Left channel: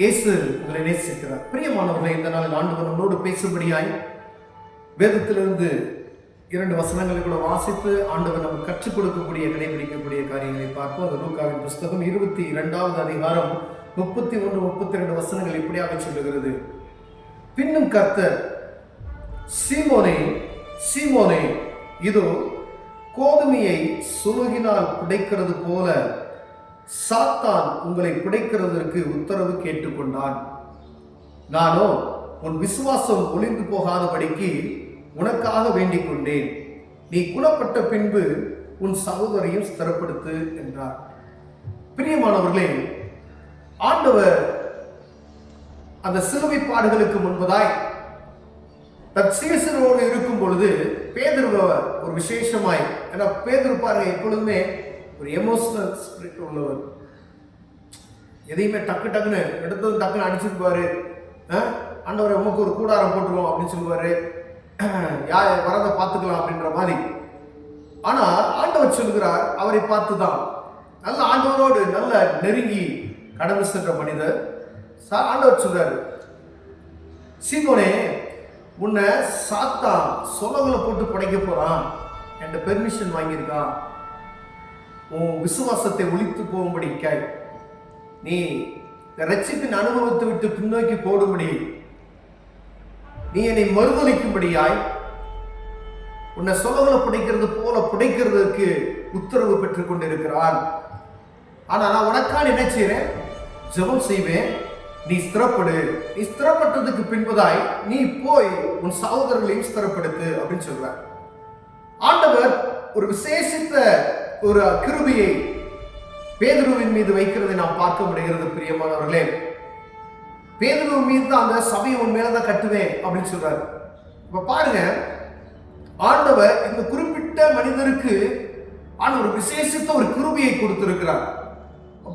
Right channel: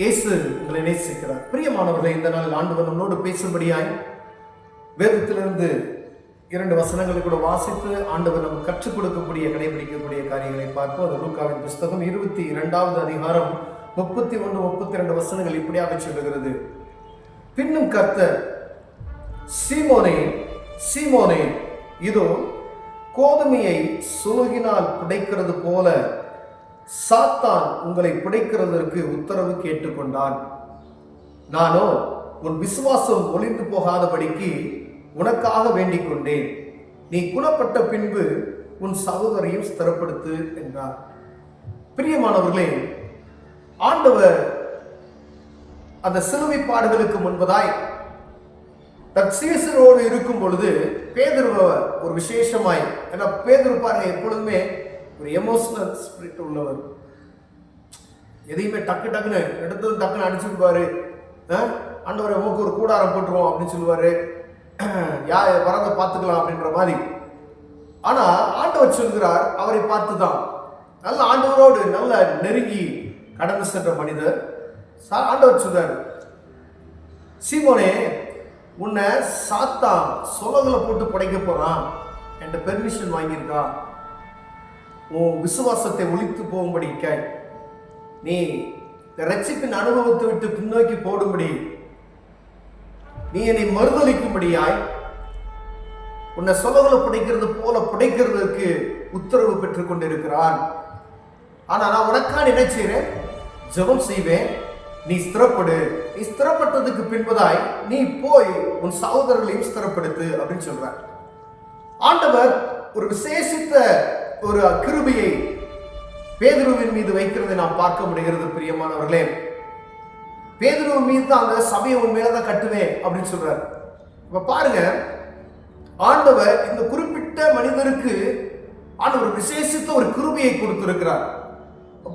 இயேசு உங்களை நேசிக்கிறார். பிரியமானவர்களை, இந்த நாளில் ஆண்டவர் நம்மளோடு பேசும்படியாய் வேதத்திலிருந்து 2 வசனங்களை கூட வாசித்து ஆண்டவர் நமக்கு கற்றுக் கொடுக்கக்கூடிய கடைபிடிக்கக்கூடிய காரியங்களை பார்ப்போம். அது லூக்காவின் புஸ்தகம் 22வது அதிகாரம் 31, 32 வசனங்கள் இப்படியாக சொல்லுகிறது. பின்னும் கர்த்தர், சீமோனே சீமோனே, இதோ கோதுமையை சுலுகினால் புடைக்கிறது போல சாத்தான் உங்களை புடைக்கிறதற்கு உத்தரவு கேட்டுக்கொண்டான். நானோ உன் விசுவாசம் ஒளிந்து போகாதபடிக்கு உனக்காக வேண்டிக் கொண்டேன். நீ குணப்பட்ட பின்பு உன் சகோதரையும் ஸ்திரப்படுத்து என்றார். பிரியமானவர்களே, ஆண்டவர் அந்த சிலுவை பாடுகளுக்கு முன்பதாய் தன் சீசரோடு இருக்கும் பொழுது பேதுருவை ஒரு விசேஷமாய், ஏன்னா பேதுரு பாருங்க எப்பொழுதுமே ஒரு எமோஷனல் ஸ்பிரிட் உள்ளவர். எதையுமே டக்கு டக்குன்னு எடுத்ததும் டக்குன்னு அடிச்சுருப்பாரு. ஆண்டவரை உமக்கு ஒரு கூடாரம் போட்டுருவோம் அப்படின்னு சொல்லுவாரு, வரதை பார்த்துக்கலாம் அப்படின்ற மாதிரி. ஆனா ஆண்டவர் சொல்கிறார், அவரை பார்த்துதான் நல்ல ஆண்டவரோடு நல்ல நெருங்கி கடந்து சென்ற மனிதர். ஆண்டவர் சொல்றாரு, சீமோனே, உன்னை சாத்தான் சொலகுல போட்டு புடைக்க போறான், என்கிட்ட பெர்மிஷன் வாங்கியிருக்கான். உன் விசுவாசத்தை ஒழித்து போகும்படி நீ ரட்சிப்பின் அனுபவத்தை விட்டு பின்னோக்கி போடும்படி, நீ என்னை மறுதளிக்கும்படியாய் உன்னை சொலகுல புடைக்கிறது போல புடைக்கிறதுக்கு உத்தரவு பெற்றுக் கொண்டிருக்கிறான். ஆனா நான் உனக்கான என்ன செய்றேன்? ஜெபம் செய்வேன். நீ ஸ்திரப்படு. நீ ஸ்திரப்பட்டதுக்கு பின்பதாய் நீ போய் உன் சகோதரர்களையும் ஸ்திரப்படுத்து அப்படின்னு சொல்ற. ஆண்டவர் ஒரு விசேஷித்த ஒரு கிருபையை பேதுருவின் மீது வைக்கிறதை நாம் பார்க்க முடிகிறது. பிரியமானவர்களே, பேதுருவின் மீது தான் அந்த சபையை உன் மேலதான் கட்டுவேன் அப்படின்னு சொல்றாரு. இப்ப பாருங்க, ஆண்டவர் இந்த குறிப்பிட்ட மனிதருக்கு ஆண்டவர் விசேஷித்த ஒரு கிருபையை கொடுத்திருக்கிறார்.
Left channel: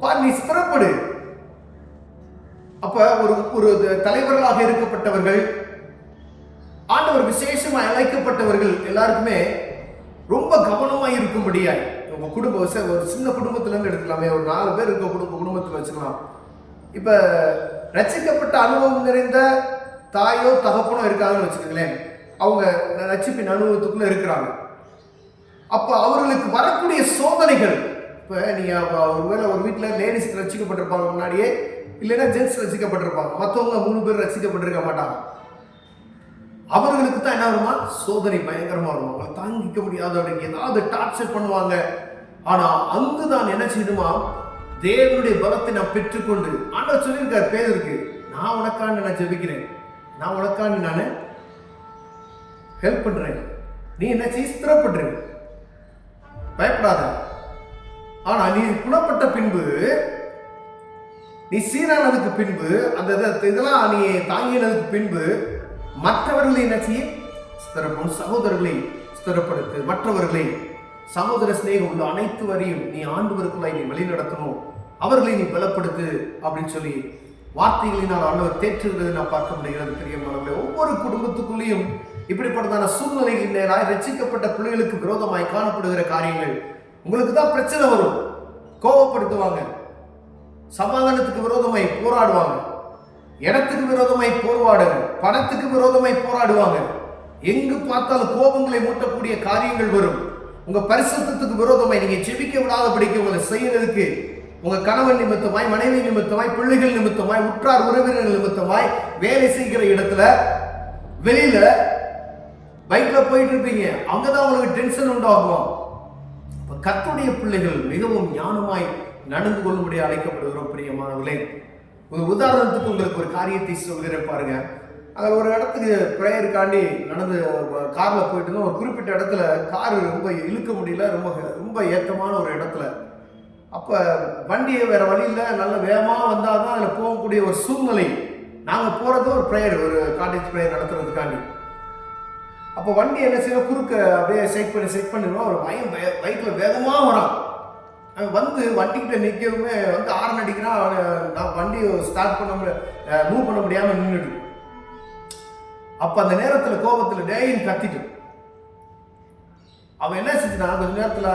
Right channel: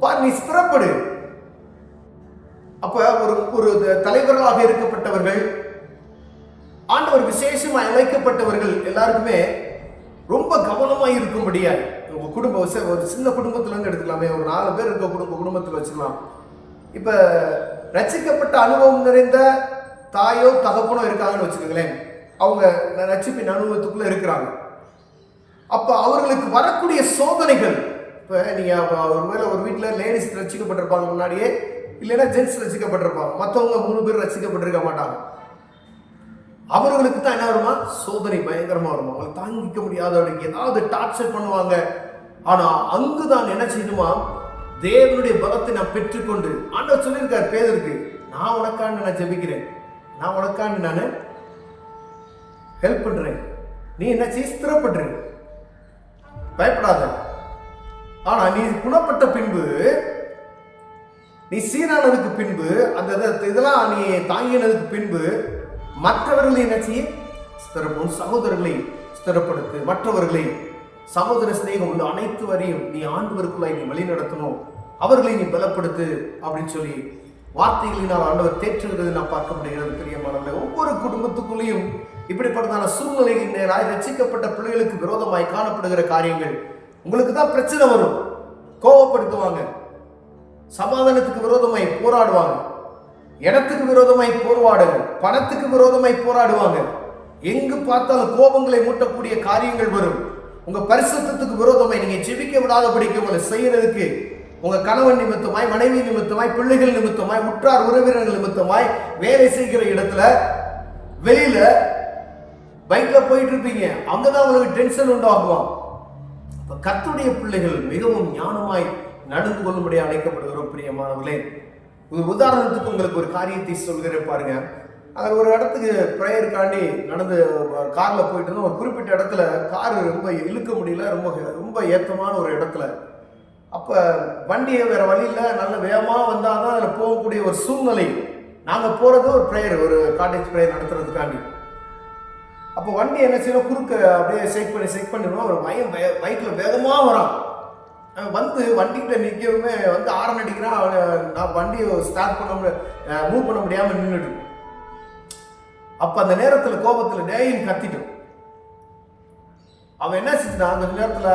பாரு, நீ ஸ்திரப்படு. அப்ப ஒரு தலைவர்களாக இருக்கப்பட்டவர்கள், ஆண்டவர் விசேஷமாக அழைக்கப்பட்டவர்கள் எல்லாருக்குமே ரொம்ப கவனமாக இருக்கும்படியாய், உங்க குடும்பம் ஒரு சின்ன குடும்பத்துல இருந்து எடுத்துக்கலாமே, ஒரு 4 பேர் இருக்க குடும்பத்தில் வச்சுக்கலாம். இப்ப ரட்சிக்கப்பட்ட அனுபவம் நிறைந்த தாயோ தகப்பனோ இருக்காங்கன்னு வச்சுக்கோங்களேன். அவங்க ரட்சிப்பின் அனுபவத்துக்குள்ள இருக்கிறாங்க. அப்ப அவர்களுக்கு வரக்கூடிய சோதனைகள், இப்ப நீங்க ஒருவேளை ஒரு வீட்டில் லேடிஸ் ரட்சிக்கப்பட்டிருப்பாங்க முன்னாடியே, இல்லைன்னா ஜென்ஸ் ரசிக்கப்பட்டிருப்பாங்க, மற்றவங்க 3 பேர் ரசிக்கப்பட்டிருக்க மாட்டாங்க. அவர்களுக்கு தான் என்ன வருமா? சோதனை பயங்கரமா வரும். அவங்களை தாங்கிக்க முடியாதவங்களுக்கு ஏதாவது டார்ச்சர் பண்ணுவாங்க. ஆனா அங்குதான் என்ன செய்யணுமா? தேவனுடைய பலத்தை நான் பெற்றுக்கொண்டு, ஆண்டவர் சொல்லியிருக்காரு பேதுருக்கு, நான் உனக்காண்டு நான் ஜெபிக்கிறேன், நான் உனக்காண்டு நான் ஹெல்ப் பண்றேன், நீ என்ன செய்ய? ஸ்திரப்படுற, பயப்படாத. ஆனா நீ குணப்பட்ட பின்பு, நீ சீரானதுக்கு பின்பு, அந்த இதெல்லாம் நீ தாங்கினதுக்கு பின்பு மற்றவர்களை என்ன செய்ய? ஸ்திரப்படும். சகோதரர்களை ஸ்திரப்படுத்து. மற்றவர்களை சகோதர சிநேகம் உள்ள அனைத்து வரையும் நீ ஆண்டவருக்குள்ளாய் நீ வழி நடத்தணும், அவர்களை நீ பலப்படுத்து அப்படின்னு சொல்லி வார்த்தைகளினால் ஆண்டவர் தேற்றுகிறது நான் பார்க்க முடிகிறது. பிரியமானவர்களே, ஒவ்வொரு குடும்பத்துக்குள்ளேயும் இப்படிப்பட்டதான சூழ்நிலைகள் நேராய் ரட்சிக்கப்பட்ட பிள்ளைகளுக்கு விரோதமாய் காணப்படுகிற காரியங்கள். உங்களுக்கு தான் பிரச்சனை வரும், கோபப்படுத்துவாங்க, சமாதானத்துக்கு விரோதமாய் போராடுவாங்க, இடத்துக்கு விரோதமாய் போராடுங்க, பணத்துக்கு விரோதமாய் போராடுவாங்க. எங்கு பார்த்தாலும் கோபங்களை மூட்டக்கூடிய காரியங்கள் வரும். உங்க பரிசுத்தத்துக்கு விரோதமாய் நீங்க ஜெபிக்க விடாதபடிக்கு உங்களை செய்யறதுக்கு உங்க கணவன் நிமித்தமாய், மனைவி நிமித்தமாய், பிள்ளைகள் நிமித்தமாய், உற்றார் உறவினர்கள் நிமித்தமாய், வேலை செய்கிற இடத்துல, வெளியில பைக்ல போயிட்டு இருப்பீங்க, அங்கதான் உங்களுக்கு டென்ஷன் உண்டாகுவான். கர்த்தருடைய பிள்ளைகள் மிகவும் ஞானமாய் நடந்து கொள்ளும்படி அழைக்கப்படுகிறோம். பிரியமானவர்களே, ஒரு உதாரணத்துக்கு உங்களுக்கு ஒரு காரியத்தை சொல்கிறேன் பாருங்க. அங்கே ஒரு இடத்துக்கு ப்ரேயருக்காண்டி நடந்து காரில் போயிட்டு இருந்தோம். ஒரு குறிப்பிட்ட இடத்துல காரு ரொம்ப இழுக்க முடியல, ரொம்ப ஏற்றமான ஒரு இடத்துல. அப்போ வண்டியை வேற வழியில் நல்ல வேகமாக வந்தால் தான் அதில் போகக்கூடிய ஒரு சூழ்நிலை. நாங்கள் போகிறது ஒரு ப்ரேயர், ஒரு காட்டேஜ் ப்ரேயர் நடத்துறதுக்காண்டி. அப்போ வண்டி என்ன செய்யணும், குறுக்க அப்படியே செக் பண்ணிடுவோம். ஒரு பைக்கில் வேகமாக வரான். வந்து வண்டிக்கிட்ட நிற்கவுமே வந்து ஆரன் அடிக்கிறான். நான் வண்டியை ஸ்டார்ட் மூவ் பண்ண முடியாமல் நின்றுட்டு. அப்போ அந்த நேரத்தில் கோபத்தில் டேயின்னு கத்திட்டு, அவன் என்ன செஞ்சுனா, கொஞ்ச நேரத்தில்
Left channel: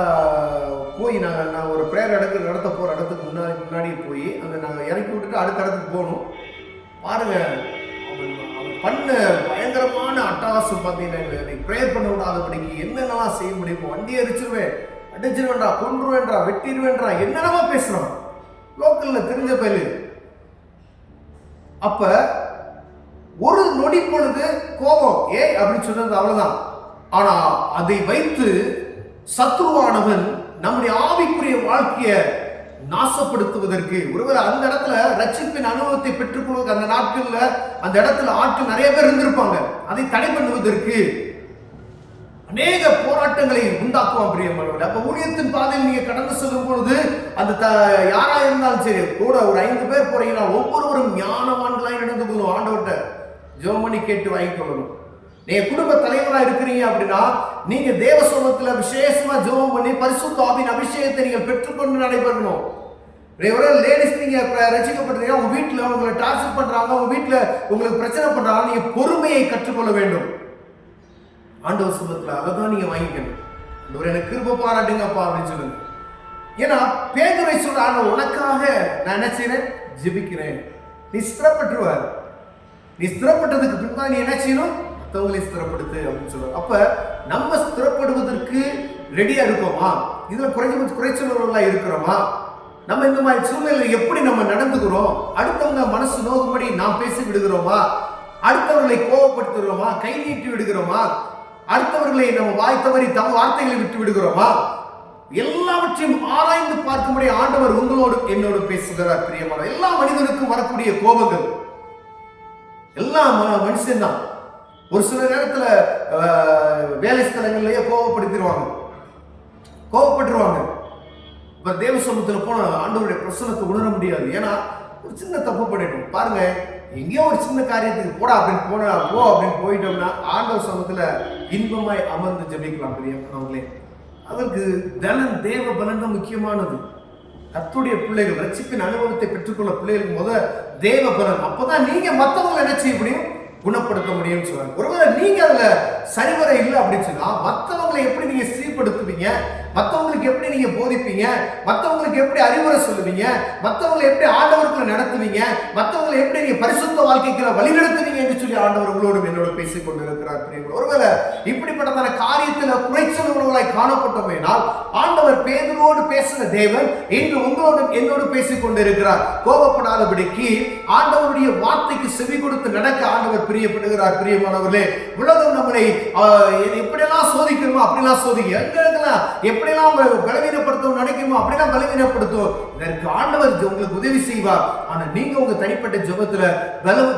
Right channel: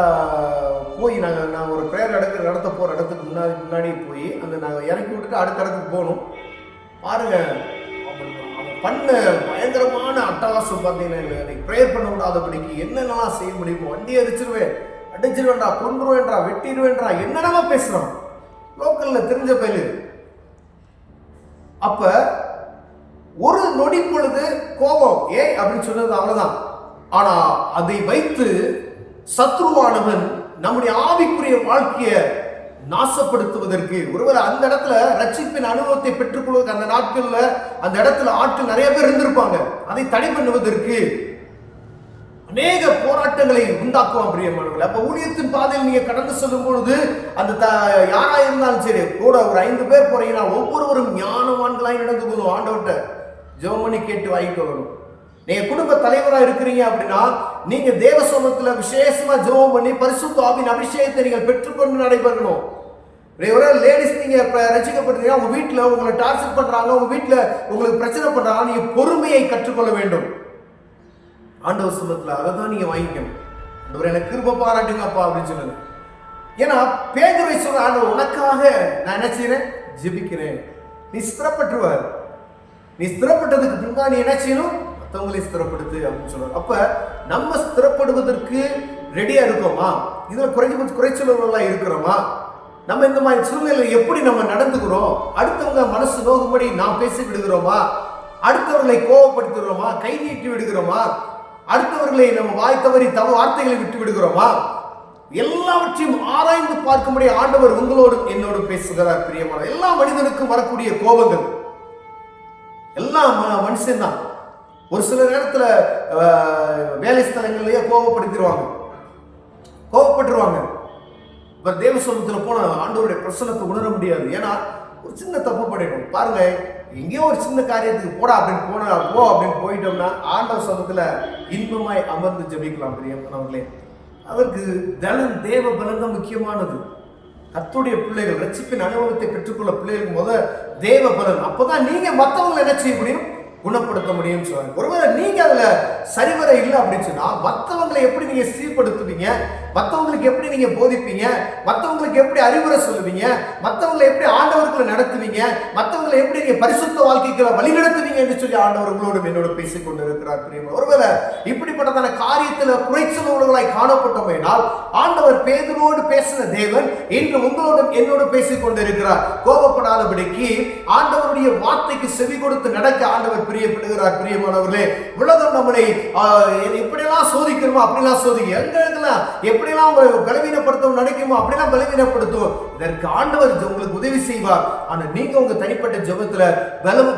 போய் நான் ஒரு ப்ரேயர் நடத்த போகிற இடத்துக்கு முன்னாடி போய் அந்த நாங்கள் இறக்கி விட்டுட்டு அடுத்த இடத்துக்கு போகணும். பாருங்க, அவன் பண்ண பயங்கரமான அட்டகாசம் பார்த்தீங்கன்னா, நீ ப்ரேயர் பண்ண விடாதபடிக்கு என்னென்னலாம் செய்ய முடியுமோ, வண்டியை அடிச்சிருவேன்றா, கொன்றுவேன்றா, வெட்டிடுவேன்றா, என்னென்னமா பேசுகிறான். லோக்கலில் தெரிஞ்ச பயிலு. அப்ப ஒரு நொடி பொழுது கோபம் அப்படின்னு சொன்னது அவ்வளவுதான். ஆனா அதை வைத்து சத்ருவானவன் நம்முடைய ஆவிக்குரிய வாழ்க்கையை நாசப்படுத்துவதற்கு, ஒருவர் அந்த இடத்துல ரட்சிப்பின் அனுபவத்தை பெற்றுக்கொள்வதற்கு அந்த நாட்கள்ல அந்த இடத்துல ஆட்கள் நிறைய பேர் இருந்திருப்பாங்க, அதை தடை பண்ணுவதற்கு அநேக போராட்டங்களை உண்டாக்குவான் பிரியமானவர்களே. அப்ப ஊழியத்தின் பாதையில் நீங்க கடந்து செல்லும் பொழுது அந்த யாரா இருந்தாலும் சரி, கூட ஒரு 5 பேர் போறீங்கன்னா ஒவ்வொருவரும் ஞானவான்களாய் நடந்து கொள்ளும். ஆண்டவர்கிட்ட ஜெபம் பண்ணி கேட்டு வாங்கிட்டு வரணும். நீங்க குடும்ப தலைவராக இருக்கிறீங்க அப்படின்னா நீங்க தேவ சமூகத்துல விசேஷமா ஜெபம் பண்ணி பரிசுத்த ஆவியின் அபிஷேகத்தை நீங்கள் பெற்றுக்கொண்டு நடைபெறணும். லேடிஸ் நீங்க ரசிக்கப்பட்டீங்கன்னா உங்க வீட்டுல உங்களை டார்ச்சர் பண்றாங்க, உங்க வீட்டுல உங்களுக்கு பிரச்சனை பண்றாங்க, நீங்க பொறுமையை கற்றுக்கொள்ள வேண்டும். ஆண்டவர் சமூகத்துல அதை தான் நீங்க வாங்கிக்கணும். ஆண்டவர் எனக்கு கிருபை பாராட்டுங்கப்பா அப்படின்னு சொல்லுங்க. ஏன்னா பேதுரை சொல்ற, ஆண்டவர் உனக்காக நான் என்ன செய்யறேன், ஜெபிக்கிறேன். நீ ஸ்திரப்பட்டுருவார். நீ ஸ்திரப்பட்டதுக்கு பின்பா நீ என்ன செய்யணும், மற்றவங்களே ஸ்திரப்படுத்து அப்படின்னு சொல்லுவார். அப்ப நம்ம ஸ்திரப்படுவதற்கு ரெடியா இருக்கோமா? இதுல குறைச்சலா இருக்கிறோமா? நம்ம இந்த மாதிரி சூழ்நிலை எப்படி நம்ம நடந்துக்கிறோம்? அடுத்தவங்க மனசு நோகும்படி நாம் பேசி விடுகிறோமா? அடுத்தவர்களை கோபப்படுத்துகிறோமா? கை நீட்டி விடுகிறோமா? அடுத்தவர்களை நம்ம வாய் தவறி வார்த்தைகளை விட்டு விடுகிறோமா? எல்லாவற்றையும் ஆராய்ந்து பார்க்கும்படி ஆண்டவர் உங்களோடு என்னோடு பேசுகிறார் பிரியமான. எல்லா மனிதனுக்கும் வரக்கூடிய கோபங்கள் எல்லாம் மனுஷன்தான். ஒரு சில நேரத்துல வேலை ஸ்தலங்கள்லயே கோபப்பட்டுருவாங்க. இப்ப தேவ சமூகத்துல போன ஆண்டவருடைய பிரசன்னத்தை உணர முடியாது. ஏன்னா ஒரு சின்ன தப்பு பண்ணிட்டோம். பாருங்க, எங்கேயோ ஒரு சின்ன காரியத்துக்கு போ அப்படின்னு போயிட்டோம்னா ஆண்டவர் சமூகத்துல இன்பமாய் அமர்ந்து ஜெபிக்கலாம் பிரியமானவர்களே. அதற்கு தேவ பலன் தான் முக்கியமானது. கர்த்தருடைய பிள்ளைகள் ரட்சிப்பின் அனுபவத்தை பெற்றுக்கொள்ள பிள்ளைகளுக்கு தேவ பலன். அப்பதான் நீங்க மற்றவங்களை என்ன செய்ய முடியும், குணப்படுத்த முடியும் சொல்றாங்க. ஒருவேளை நீங்க அதுல சரிவர இல்லை அப்படின்னு சொன்னா மற்றவங்களை எப்படி நீங்க சீர்படுத்துவீங்க, மற்றவங்களுக்கு எப்படி நீங்க போதிப்பீங்க, மற்றவங்களுக்கு எப்படி அறிவுரை சொல்லுவீங்க, மற்றவங்களை எப்படி ஆண்டவருக்குள்ள நடத்துவீங்க, மற்றவங்களை எப்படி நீங்க பரிசுத்த வாழ்க்கைக்குள்ள வழிநடத்துவீங்க என்று சொல்லி ஆண்டவர் உங்களோடு என்னோட பேசிக் கொண்டிருக்கிறார் பிரியமான. ஒருவேளை இப்படிப்பட்டதான காரியத்துல குறைச்சல் உள்ளவர்களாய் காணப்பட்டோமேனால் ஆண்டவர் பேதுருவோடு பேசின தேவன் இன்று உங்களோடு என்னோடு பேசிக் கொண்டிருக்கிறார். கோபப்படாதபடிக்கு ஆண்டவருடைய வார்த்தைக்கு செவி கொடுத்து நடக்க ஆண்டவர் பிரியப்படுகிறார் பிரியமானவர்களே. உலகம் நம்மளை எப்படியெல்லாம் சோதிக்கணுமோ அப்படிலாம் எங்கெல்லாம் எப்படிலாம் உங்களை பலவீனப்படுத்தவும் நினைக்குமோ அப்படிலாம் பலவீனப்படுத்தும். இதற்கு ஆண்டவர் உங்களுக்கு உதவி செய்வார். ஆனா நீங்க உங்க தனிப்பட்ட ஜெபத்துல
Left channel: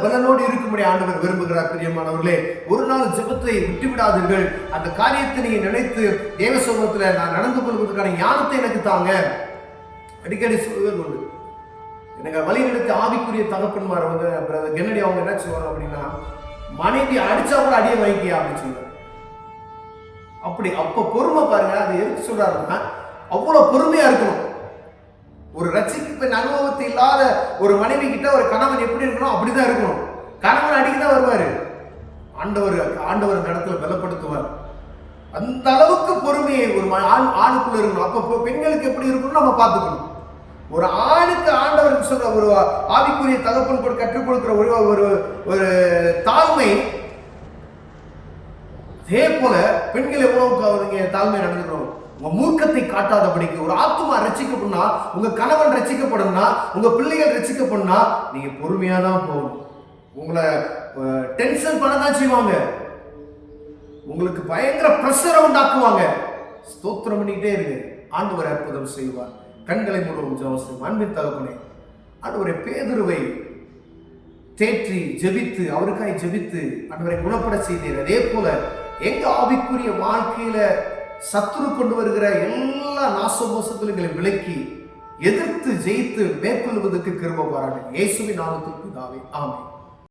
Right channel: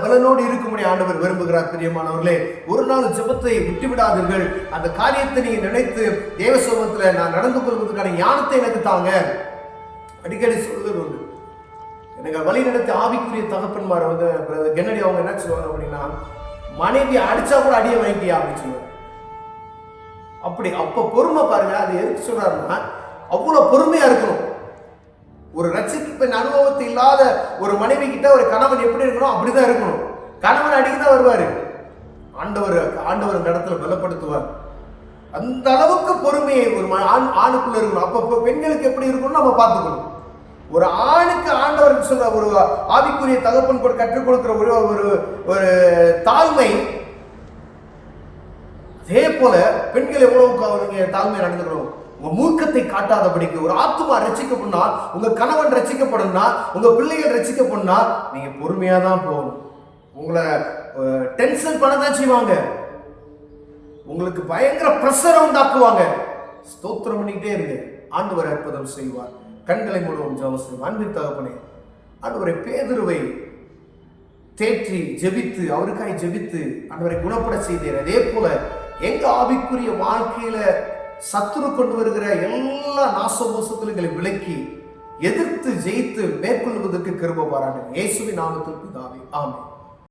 பலனோடு இருக்கும்படி ஆண்டவர் விரும்புகிறார் பிரியமானவர்களே. ஒரு நாள் ஜெபத்தை விட்டுவிடாதீர்கள். அந்த காரியத்தை நீங்க நினைத்து தேவ சமூகத்துல நான் நடந்து கொள்வதற்கான ஞானத்தை எனக்கு தாங்க. அடிக்கடி சொல்வது உண்டு. எனக்கு வழி நடத்தி ஆவிக்குரிய தகப்பன்மார் கென்னடி அவங்க என்ன சொல்லுவாங்க அப்படின்னா, மனைவி அடிச்சா கூட அடிய வைக்கியா அப்படின்னு சொல்லுவாங்க. அப்ப பொறுமை பாருங்க. அது எதுக்கு சொல்றாருன்னா, அவ்வளவு பொறுமையா இருக்கணும். ஒரு ரட்சிப்பின் அனுபவத்தை இல்லாத ஒரு மனைவி கிட்ட ஒரு கணவன் எப்படி இருக்கணும் அப்படிதான் இருக்கணும். கணவன் அடிக்கதான் வருவாரு, ஆண்டவர் இடத்துல பலப்படுத்துவார். அந்த அளவுக்கு பொறுமையை ஒரு ஆணுக்குள்ள இருக்கணும். அப்ப பெண்களுக்கு எப்படி இருக்கணும் நம்ம பார்த்துக்கணும். ஒரு ஆணுக்கு ஆண்டவர் சொல்ற ஒரு ஆவிக்குரிய தகப்பன் கற்றுக் கொடுக்கிற ஒரு தாழ்மை, அதே போல பெண்கள் எவ்வளவு தாழ்மையை நடந்துக்கணும். உங்க மூர்க்கத்தை காட்டாதபடிக்கு. ஒரு ஆத்துமா ரட்சிக்கப்படணும்னா, உங்க கணவன் ரட்சிக்கப்படணும்னா, உங்க பிள்ளைகள் ரட்சிக்கப்படணும்னா நீங்க பொறுமையா தான் போகணும். உங்களை டென்ஷன் பண்ணதான் செய்வாங்க, உங்களுக்கு பயங்கர பிரஷரை உண்டாக்குவாங்க. ஸ்தோத்திரம் பண்ணிக்கிட்டே இருங்க, ஆண்டவர் அற்புதம் செய்வார். கண்களை மூலம் ஜெபம் செய்வோம். அன்பின் தகப்பனே, ஆண்டவரை பேதுருவை தேற்றி ஜெபித்து அவருக்காய் ஜெபித்து ஆண்டவரை குணப்பட செய்தீர். அதே போல எங்க ஆவிக்குரிய வாழ்க்கையில சத்துரு கொண்டு வருகிற எல்லா நாசமோசத்திலும் விலக்கி எதிர்த்து ஜெயித்து மேற்கொள்வதற்கு கிருபை பாராட்டுங்க. இயேசுவின் நாமத்தில் பிதாவே, ஆமென்.